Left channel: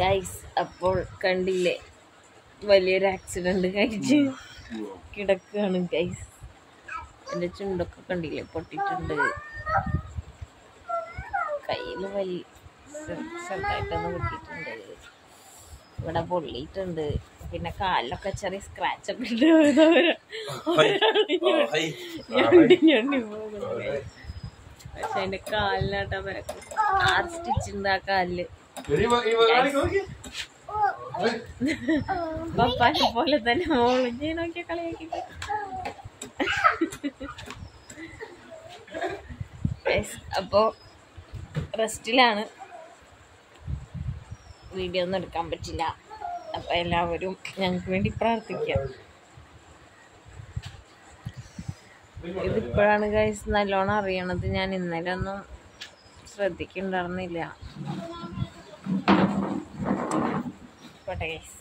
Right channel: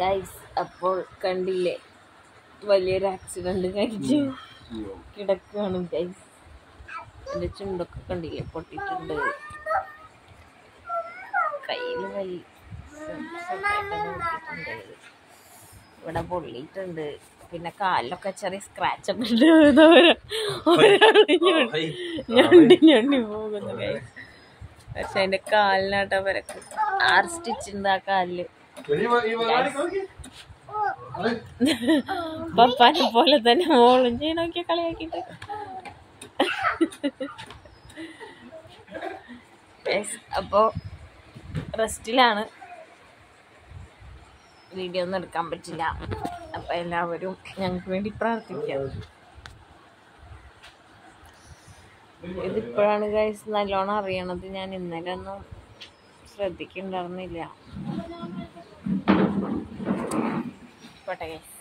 Guys അപ്പോൾ കണ്ടില്ലേ വലിയൊരു ആക്സിഡന്റ് കഴിച്ച് കിടക്കുകയാണ് ഗൈസ്. എൻ്റെ ചുണ്ടൊക്കെ കണ്ടില്ലേ പൊട്ടിയിട്ടുണ്ട്, കയ്യിൽ ചെറുതായിട്ടൊന്ന് പൊട്ടിയിട്ടുണ്ട്, ഇവിടെ പൊള്ളിയിട്ടുണ്ട്, പിന്നെ കാലിലൊക്കെ ചെറിയ സ്ക്രാച്ച് ഒക്കെ ഉണ്ട്. ഞണ്ടി പോകുന്നു ഗൈസ്. പക്ഷെ അതിന്റെ കാലിനാട്ടോ പരക്കും. 6 സ്റ്റിച്ച് ഉണ്ട് ആ കാലില്. പപ്പാനെ പോലെ തന്നെ മോളും ചെയ്യണോക്കിയ കളിയാക്കിട്ട്. അപ്പോ റെസ്റ്റിലാണ്, വീഡിയോ ഒന്നും എടുക്കാൻ പറ്റില്ല. അപ്പൊ എല്ലാവരും ഞങ്ങൾക്ക് വേണ്ടി പ്രാർത്ഥിക്കാം. ഇതിപ്പോഴാണ് ഗൈസ് നല്ലോണം അറിയണത്. ഞാൻ ഇന്നലെ ഒന്നും ശ്രദ്ധിക്കുന്നുണ്ടായിരുന്നില്ല. പോട്ടെ ഗൈസ്.